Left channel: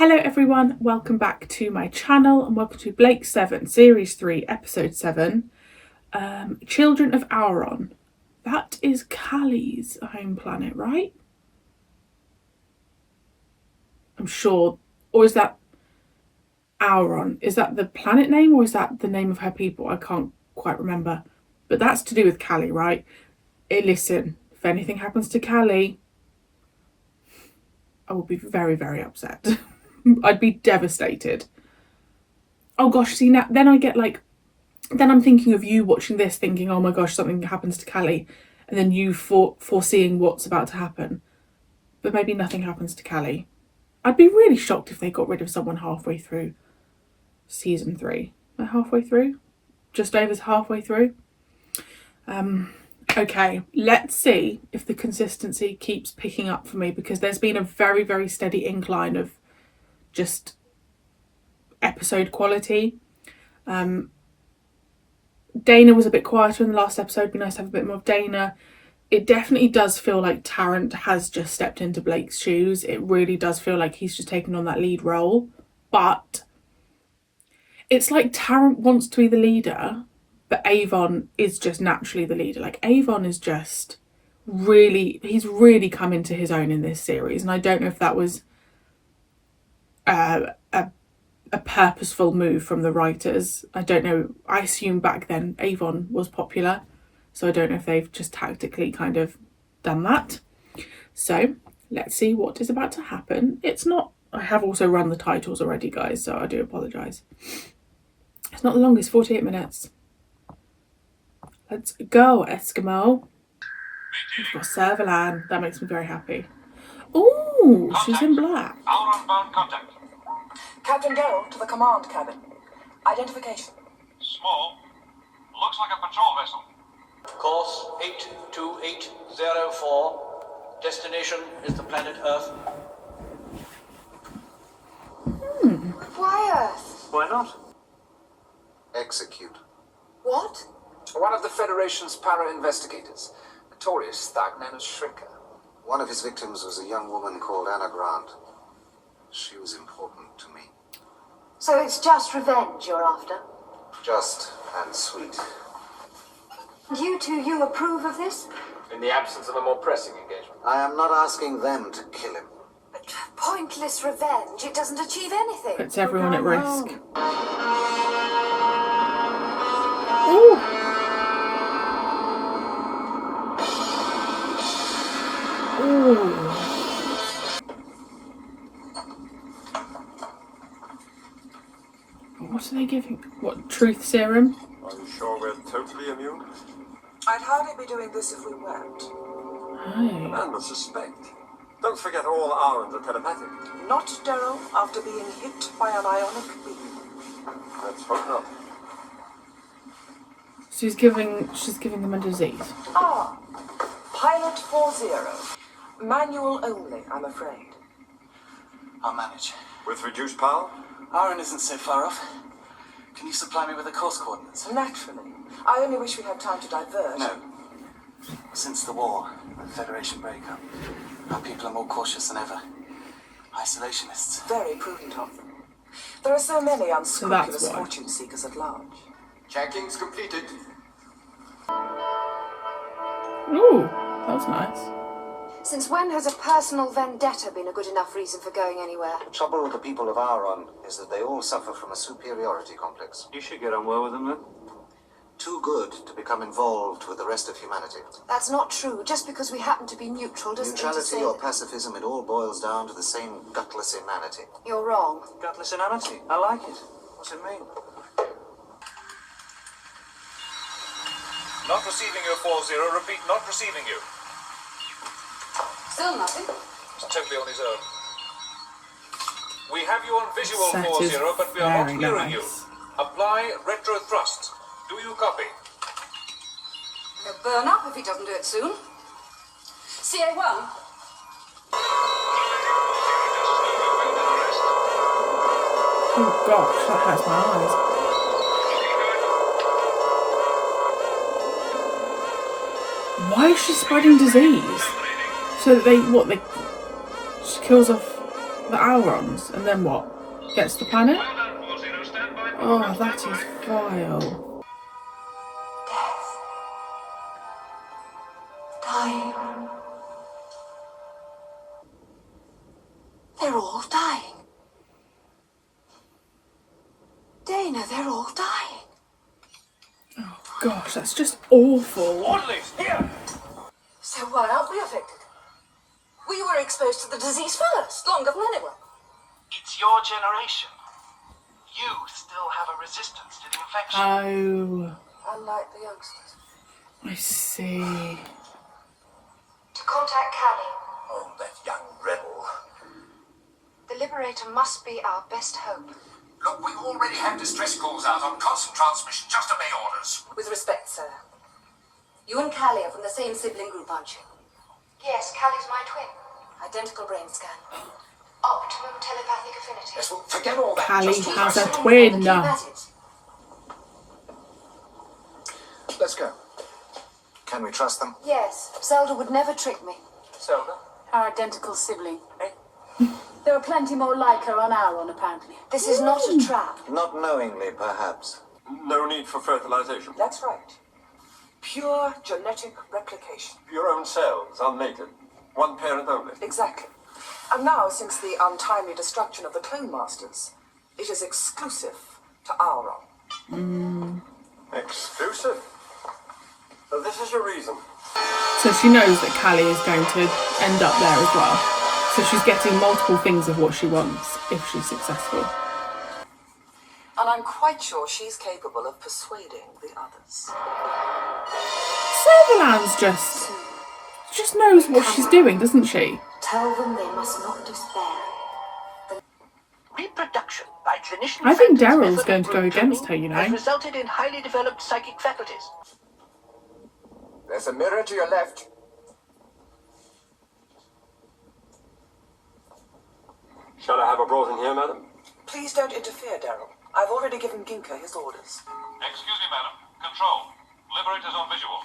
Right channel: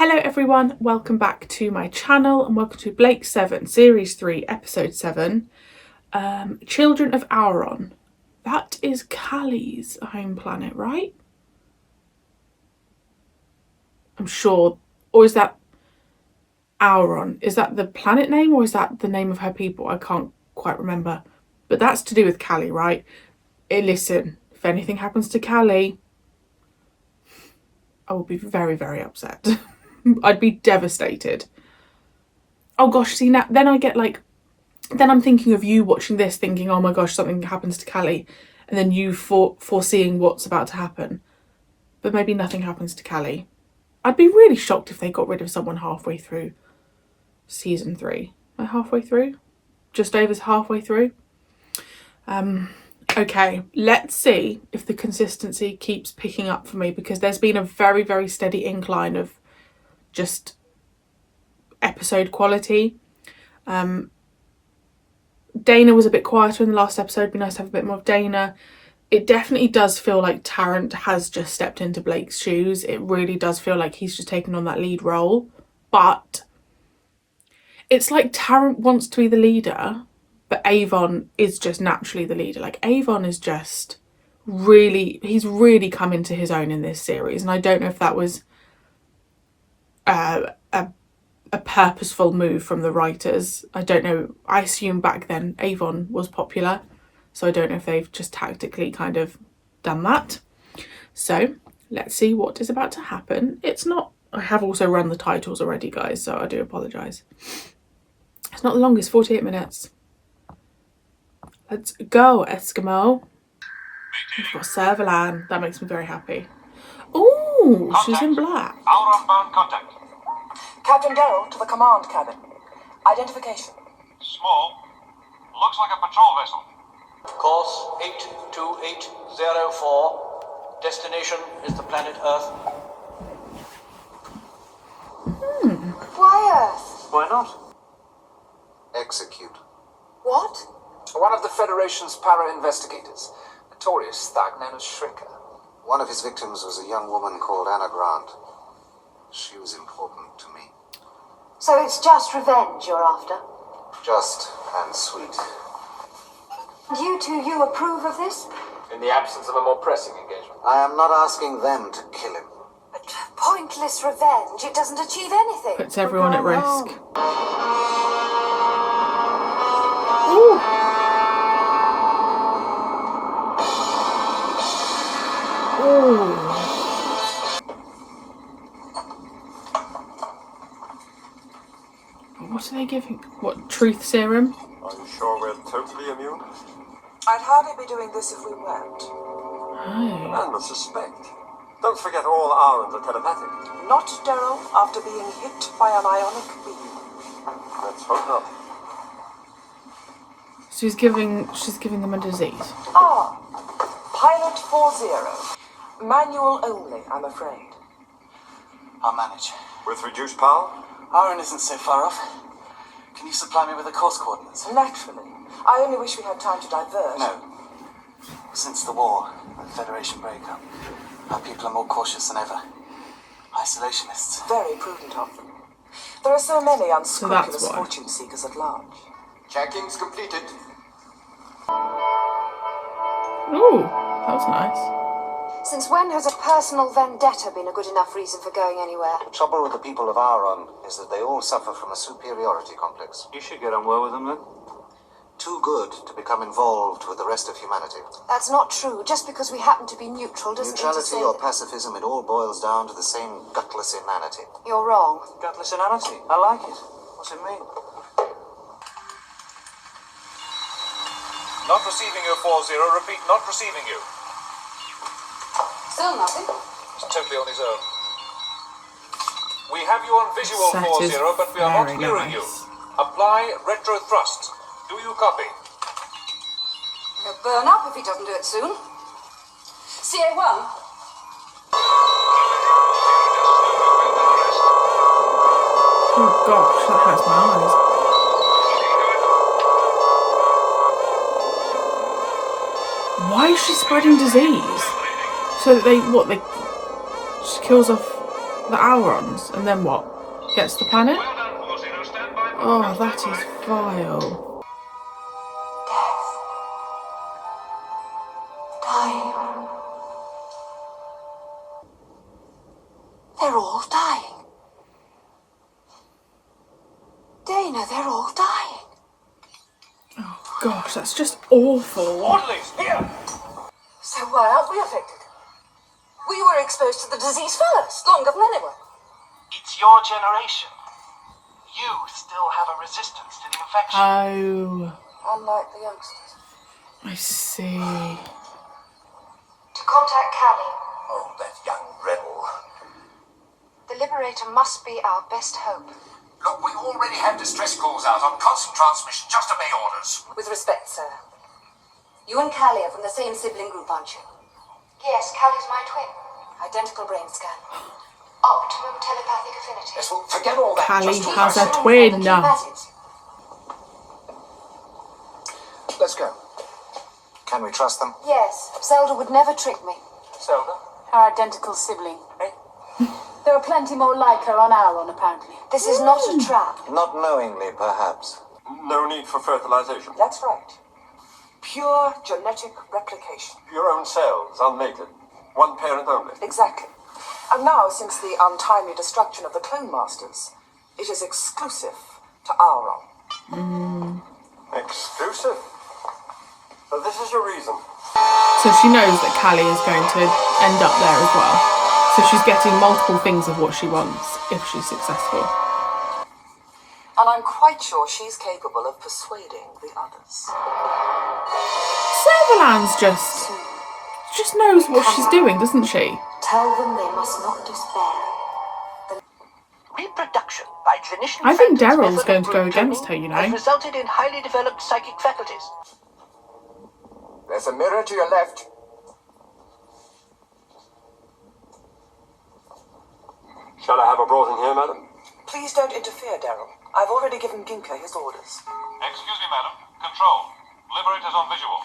Hello everyone, welcome back to my channel and welcome to Ep.7, Series 3, Episode 7, Children of Auron. That is Callie's home planet, right? I'm sure. Or is that Auron? Is that the planet name or is that the name of her people? I can't quite remember. But that's to do with Callie, right? Listen, if anything happens to Callie, I will be very, very upset. I'd be devastated. Oh gosh, see now, then I'm thinking of you watching this thinking, oh my gosh, something happens to Callie, and then you foreseeing what's about to happen. But maybe nothing happens to Callie. I'd be really shocked if they got rid of someone halfway through season 3. Am I halfway through? Just over halfway through? Okay, let's see if the consistency keeps picking up for me, because there's been a very, very steady incline of just episode quality. Dana was a bit quieter in the last episode. It'd be nice to have a bit more of Dana. It definitely does feel like Tarrant has just stepped into Blake's shoes. It really does feel like he's just taken on that lead role. But it's like Tarrant wants to be the leader, but Avon is just naturally the leader. Like Avon is just he's really come into his own in this series. And I don't know if that was a purposeful move from the writers. I don't know. I assume back then Avon was popular, so I don't know if they've just tactically kind of done that. So let's see what is about to happen. It's not, I have also run the titles already, guys, so I do apologise. It's not the longest, 48 minutes. Let's go, Eskimo. We've got Servalan. That makes me very happy. Ooh, she's in black. Auron bound contact. Captain Darrow to the command cabin. Identification. Small. Looks like a patrol vessel. Course 82804. Destination is the planet Earth. Why Earth? Why not? Execute. What? One of the Federation's para-investigators, a notorious thug known as Shrinker. One of his victims was a young woman called Anna Grant. She was important to me. So it's just revenge you're after? Just and sweet. You approve of this? In the absence of a more pressing engagement. I am not asking them to kill him. But pointless revenge, it doesn't achieve anything. Puts everyone at risk. Ooh. Ooh. What are they giving? What, truth serum? Are you sure we're totally immune? I'd hardly be doing this if we weren't. Oh. And the suspect. Don't forget all Aurons are telepathic. Not Darrow after being hit by an ionic beam. Let's hope not. She's giving them a disease. Pilot 40. Manual only, I'm afraid. I'll manage. With reduced power? Auron isn't so far off. Can you supply me with the course coordinates? Naturally. I only wish we had time to divert. No. Since the war, the Federation breakup, our people are more cautious than ever. Isolationists. Very prudent of them. There are so many unscrupulous why. fortune seekers at large. Checking's completed. Ooh, that was nice. Since when has a personal vendetta been a good enough reason for going anywhere? The trouble with the people of Auron is that they all suffer from a superiority complex. You should get on well with them then. Too good to become involved with the rest of humanity. That's not true. Just because we happen to be neutral doesn't mean to Neutrality say or that... pacifism, it all boils down to the same gutless inanity. You're wrong. Gutless inanity. I like it. What's it mean? Not receiving you, 40. Repeat, not receiving you. Still nothing. It's totally on his own. We have you on visual, That 40, is but we are not very hearing you. nice. Apply retro thrust. Do you copy? He'll burn up if he doesn't do it soon. CA1. Oh gosh, that hurts my eyes. Why is she spreading disease? So that she kills off the Aurons, and then what? Gets the planet? Oh, that is vile. Death. Dying. They're all dying. Dana, they're all dying. Oh gosh, that's just awful. Orderlies, here! So why aren't we affected? We were exposed to the disease first, longer than anyone. It's your generation. You still have a resistance to the infection. Oh, Unlike the youngsters. I see. To contact Callie. Oh, that young rebel. The Liberator must be our best hope. Look, we already have distress calls out on constant transmission. Just obey orders. With respect, sir. You and Callie are from the same sibling group, aren't you? Yes, Callie's my twin. Identical brain scan. Optimum telepathic affinity. Yes, well, forget all that. Callie Just do has my a stuff. twin. Let's go. Can we trust them? Yes, Zelda would never trick me. Zelda? Our identical sibling. Eh? There are plenty more like her on Auron, apparently. This is not a trap. Not knowingly, perhaps. No need for fertilization. That's right. Pure genetic replication. Your own cells, unmated. One parent only. Exactly. And now, since the untimely destruction of the Clone Masters, it is exclusive to Auron. Exclusive? So this is your reason. So she knows that Callie is going to end up there as well. So she's getting multiple things of what she wants if she's successful. And I'm quite sure she's capable of persuading the others. Servalan's just knows what she's doing, doesn't she? Tell them they must not despair. Reproduction by clinician I think Phantom's Daryl's method going of to go group against training her, you know. has resulted in highly developed psychic faculties. There's a mirror to your left. Shall I have her brought in here, madam? Please don't interfere, Daryl. I've already given Ginka his orders. Excuse me, madam. Control. Liberators on visual.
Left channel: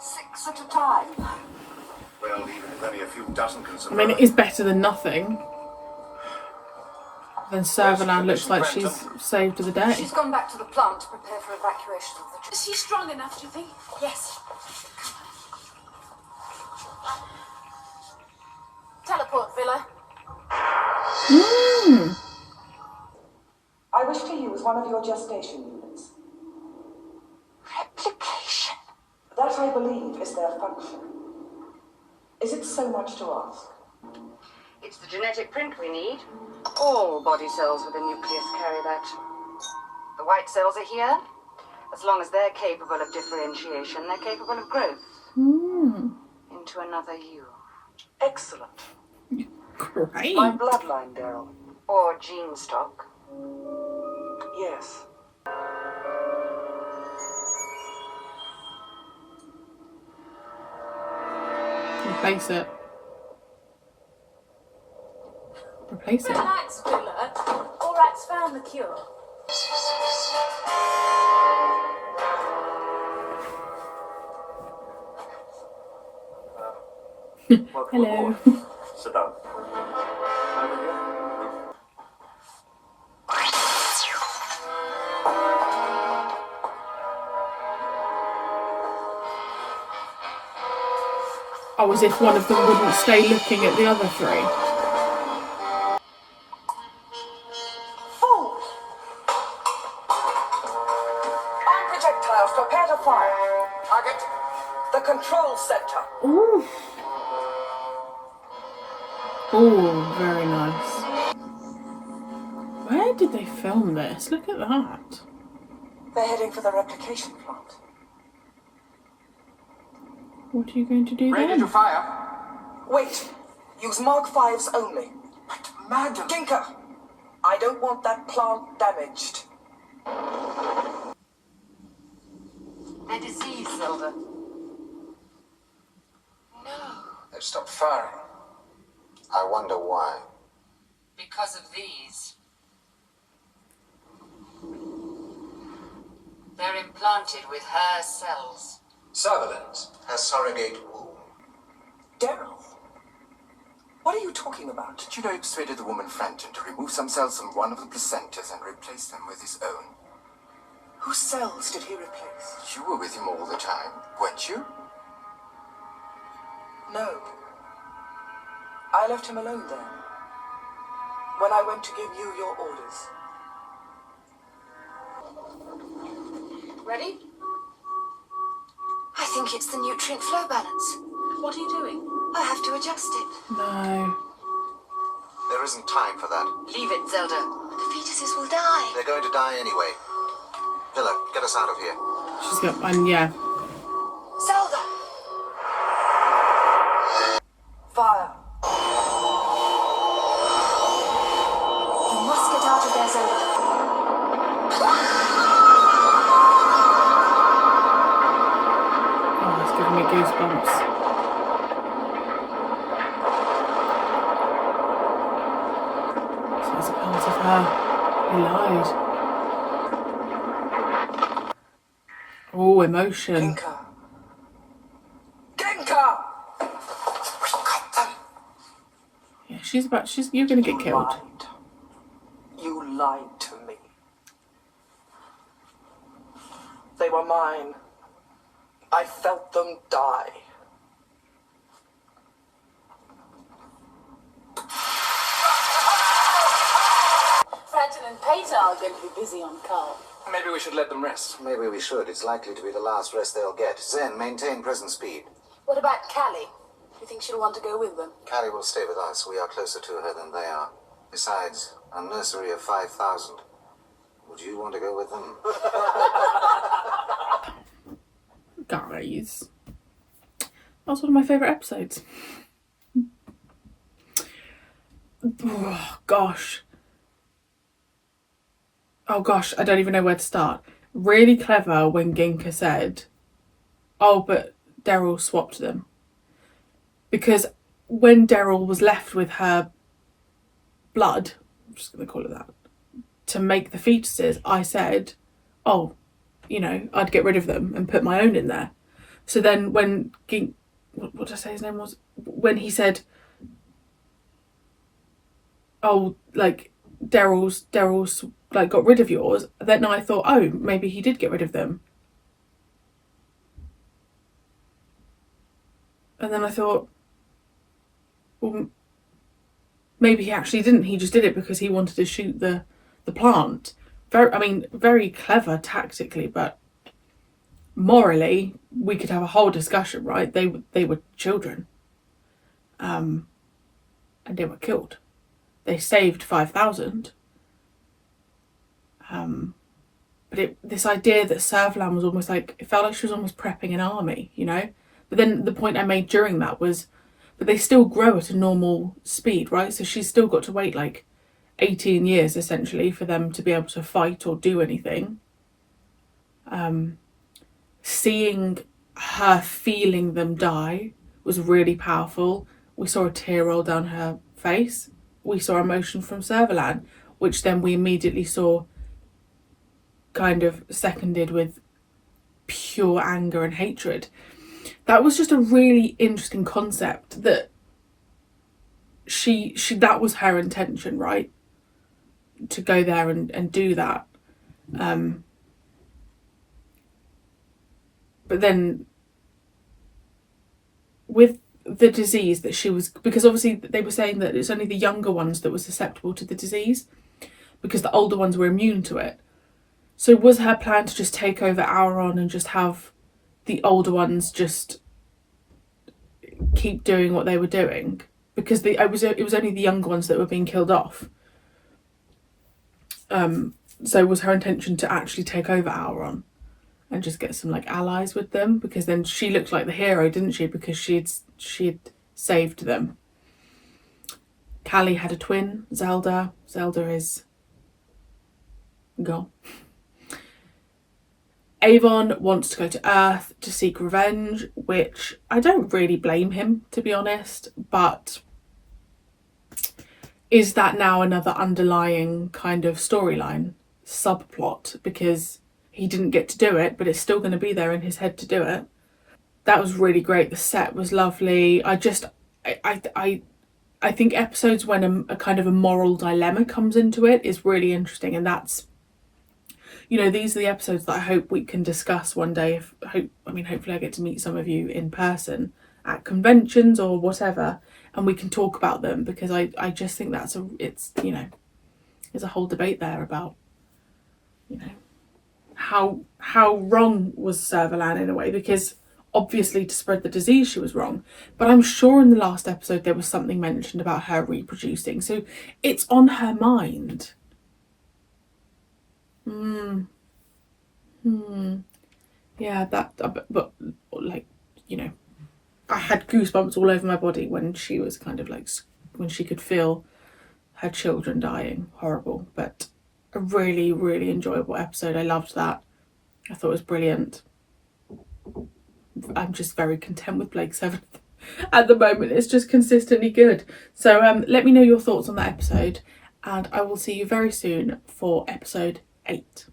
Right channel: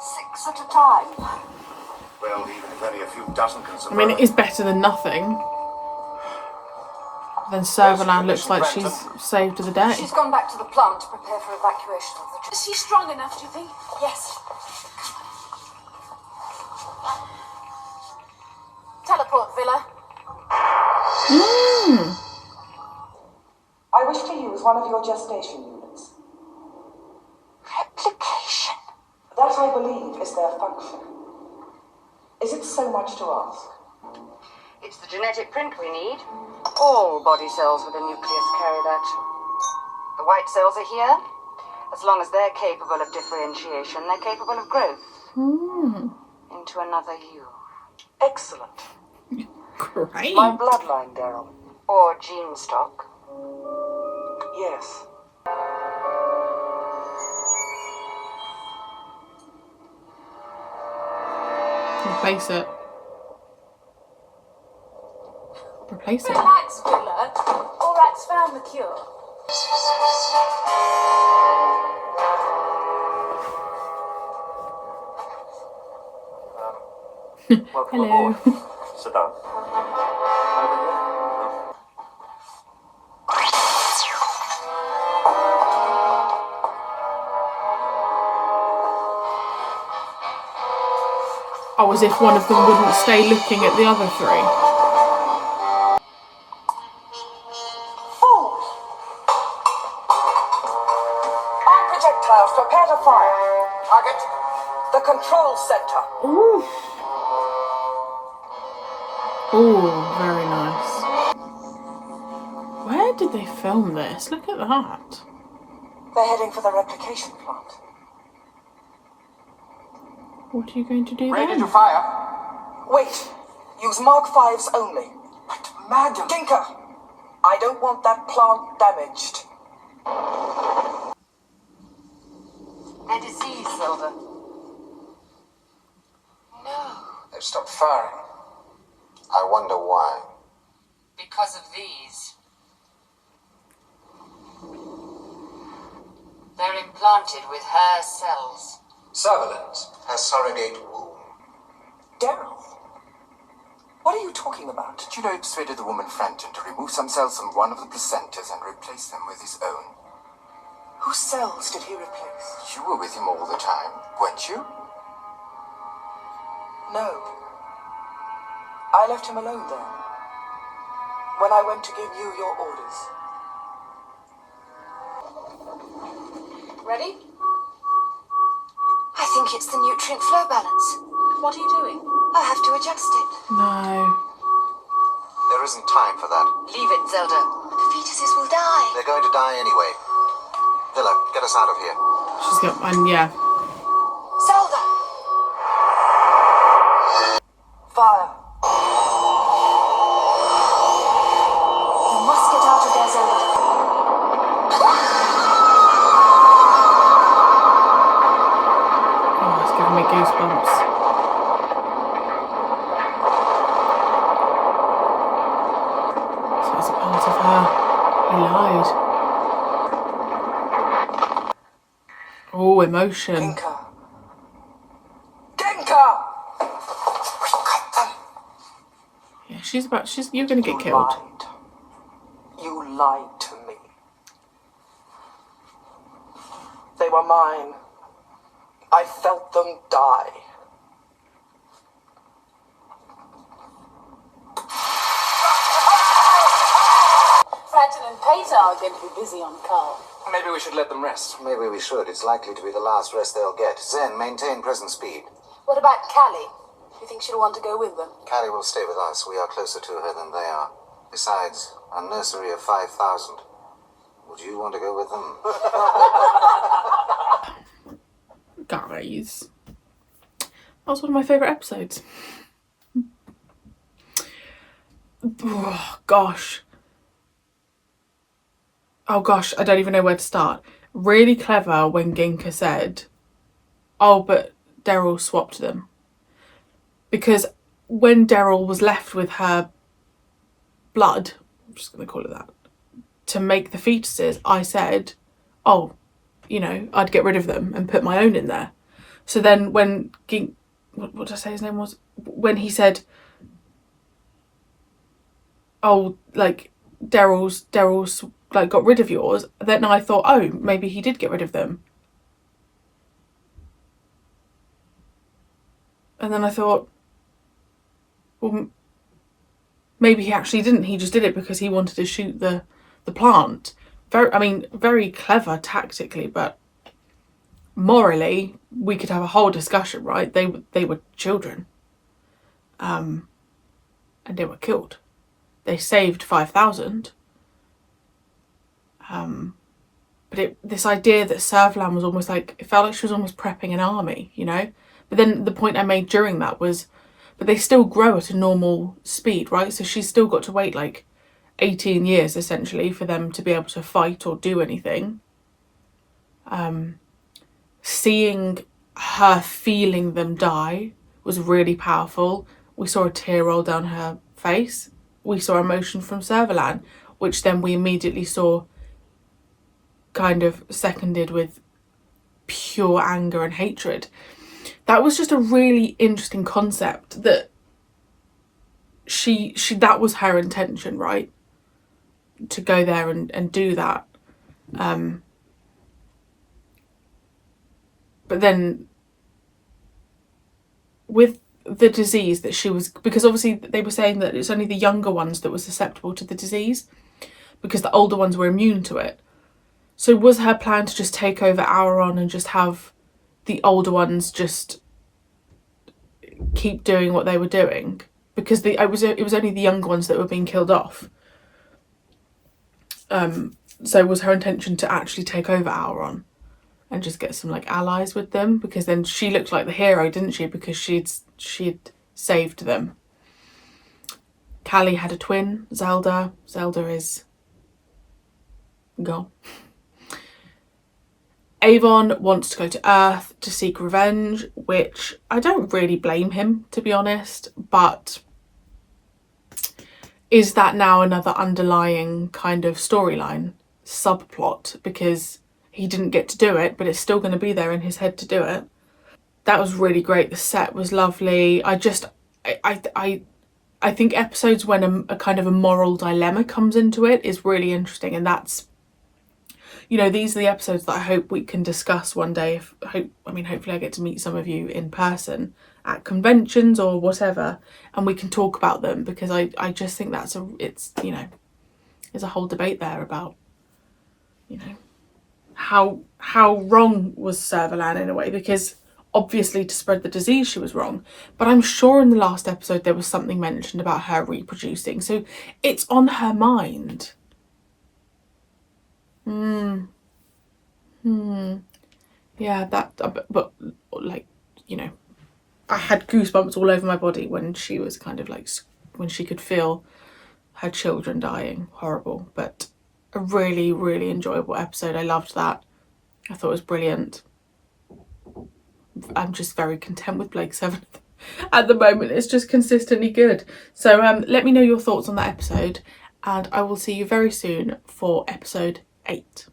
6 at a time. Well, even if only a few dozen can I survive. mean, it is better than nothing. Then Servalan looks like she's saved the day. She's gone back to the plant to prepare for evacuation of the... Is he strong enough, do you think? Yes. Teleport, Villa. I wish to use one of your gestation units. Replication. That, I believe, is their function. Is it so much to ask? It's the genetic print we need. All body cells with a nucleus carry that. The white cells are here. As long as they're capable of differentiation, they're capable of growth. Into another you. Excellent. Great. My bloodline, Daryl. Or gene stock. Yes. Replace it. Replace it. Relax, Villa. Aurat's found the cure. Welcome Hello. aboard. Sit down. Over here. Oh, as if one of them wouldn't stay looking at the other three. Fools! Arm projectiles, prepare to fire. Target, the control center. Ooh. Ooh, very nice. Where did they film this? Look at that. They're heading for the replication plant. What are you going to do Ready then? to fire. Wait, use Mark 5s only. But, madam... Ginka, I don't want that plant damaged. They're diseased, Zelda. They've stopped firing. I wonder why. Because of these. They're implanted with her cells. Sutherland has surrogate womb. Daryl, What are you talking about? Did you know he persuaded the woman Frampton to remove some cells from one of the placentas and replace them with his own? Whose cells did he replace? You were with him all the time, weren't you? No. I left him alone then, when I went to give you your orders. Ready? I think it's the nutrient flow balance. What are you doing? I have to adjust it. No. There isn't time for that. Leave it, Zelda. The fetuses will die. They're going to die anyway. Villa, get us out of here. She's got one, yeah. Zelda! Fire. You must get out of there, Zelda. Oh, it's giving me goosebumps. So it's a part of her. He lied. Oh, emotion. Genka. Genka! Yeah, you're gonna get killed. Lied. You lied to me. They were mine. I felt them die. Frampton and Pater are going to be busy on Carl. Maybe we should let them rest. Maybe we should. It's likely to be the last rest they'll get. Zen, maintain present speed. What about Callie? Do you think she'll want to go with them? Callie will stay with us. We are closer to her than they are. Besides, a nursery of 5,000. Would you want to go with them? Guys. That was one of my favourite episodes. Oh, gosh. Oh, gosh, I don't even know where to start. Really clever when Ginka said, oh, but Daryl swapped them. Because when Daryl was left with her blood, I'm just going to call it that, to make the fetuses, I said, oh, you know, I'd get rid of them and put my own in there. So then when what did I say his name was? When he said, oh, like, Daryl's like got rid of yours, then I thought, oh, maybe he did get rid of them. And then I thought, well, maybe he actually didn't. He just did it because he wanted to shoot the plant. Very clever tactically, but morally, we could have a whole discussion, right? They were children, and they were killed. They saved 5,000. But this idea that Servalan was almost like, it felt like she was almost prepping an army, you know? But then the point I made during that was, but they still grow at a normal speed, right? So she's still got to wait like 18 years essentially for them to be able to fight or do anything. Seeing her feeling them die was really powerful. We saw a tear roll down her face. We saw emotion from Servalan, which then we immediately saw kind of seconded with pure anger and hatred. That was just a really interesting concept that she that was her intention, right? To go there and do that. But then with the disease that she was, because obviously they were saying that it's only the younger ones that were susceptible to the disease because the older ones were immune to it. So was her plan to just take over Auron and just have the older ones just keep doing what they were doing? Because it was only the younger ones that were being killed off. So was her intention to actually take over Auron and just get some like allies with them? Because then she looked like the hero, didn't she? Because she'd saved them. Callie had a twin, Zelda. Zelda is gone. Avon wants to go to Earth to seek revenge, which I don't really blame him, to be honest, but is that now another underlying kind of storyline, subplot, because he didn't get to do it, but it's still going to be there in his head to do it. That was really great. The set was lovely. I I think episodes when a kind of a moral dilemma comes into it is really interesting, and that's, you know, these are the episodes that I hope we can discuss one day. Hopefully I get to meet some of you in person at conventions or whatever, and we can talk about them, because I just think there's a whole debate there about, you know, how wrong was Servalan in a way, because obviously to spread the disease she was wrong, but I'm sure in the last episode there was something mentioned about her reproducing, so it's on her mind. Yeah, but like, you know, I had goosebumps all over my body when she was kind of like, when she could feel her children dying. Horrible, but a really, really enjoyable episode. I loved that. I thought it was brilliant. I'm just very content with Blake 7 at the moment. It's just consistently good. So let me know your thoughts on that episode, and I will see you very soon for episode 8.